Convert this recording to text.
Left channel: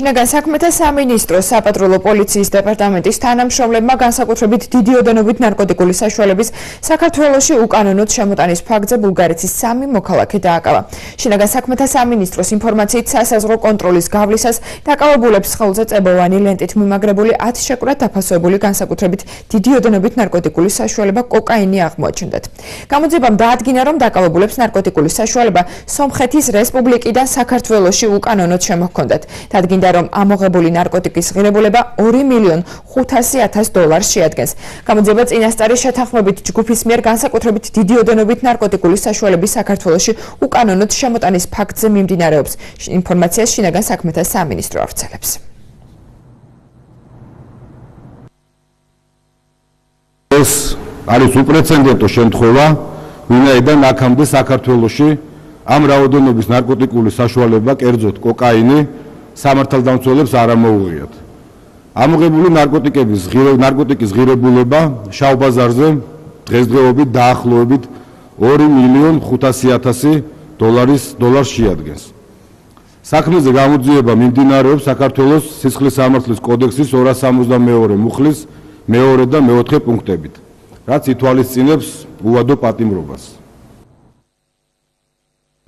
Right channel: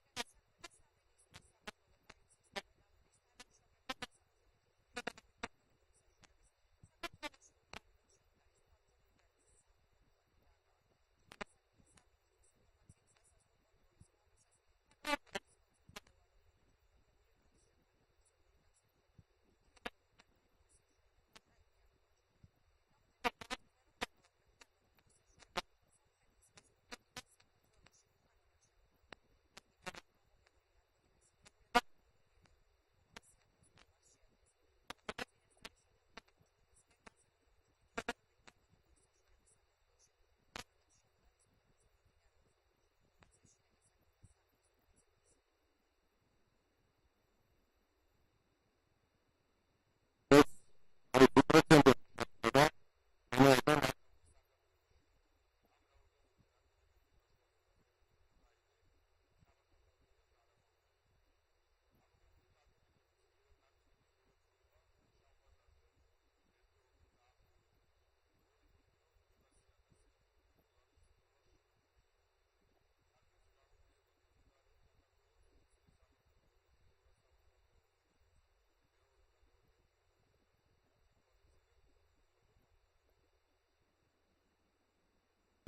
შინაგან საქმეთა სამინისტროს საპატრულო პოლიციის დეპარტამენტის თანამშრომლებმა განსაკუთრებით დიდი ოდენობით ნარკოტიკული საშუალების საქართველოში უკანონოდ შემოტანის ფაქტზე ბულგარეთის 3 მოქალაქე დააკავა. შინაგან საქმეთა სამინისტროს ინფორმაციით სასაზღვრო კონტროლის გავლისას დაკავებულებს ხელზე წებოვანი ლენტით მიმაგრებული 10 შეკვრად დაფასებული განსაკუთრებით დიდი ოდენობით ნარკოტიკული საშუალება კოკაინი აღმოაჩნდათ. გამოძიებამ დაადგინა, რომ დაკავებულებს ნარკოტიკული საშუალება სომხეთის რესპუბლიკიდან საქართველოში უკანონოდ შემოჰქონდათ. დადგინდა, რომ ამოღებული ნარკოტიკის ღირებულება $2,500,000 შეადგენს. გამოძიება წინასწარი შეთანხმებით ჯგუფის მიერ განსაკუთრებით დიდი ოდენობით ნარკოტიკული საშუალების საქართველოში უკანონოდ შემოტანის ფაქტზე მიმდინარეობს. ინფორმაციას შინაგან საქმეთა სამინისტრო ავრცელებს. ეს არის უპრეცედენტო შემთხვევა, ვინაიდან აქამდე საქართველოში ამ რაოდენობის ნარკოტიკული საშუალება, კერძოდ კოკაინი, სამართალდამცველებს არ ამოუღიათ. ამოღებული ნარკოტიკის ღირებულება შავ ბაზარზე დღესდღეობით დაახლოებით $2,500,000 შეადგენს. საქმეზე გამოძიება მიმდინარეობს საქართველოს სისხლის სამართლის კოდექსის 262 მუხლის მეორე და მეოთხე პუნქტებით, რაც ითვალისწინებს უადო პატიმრობას.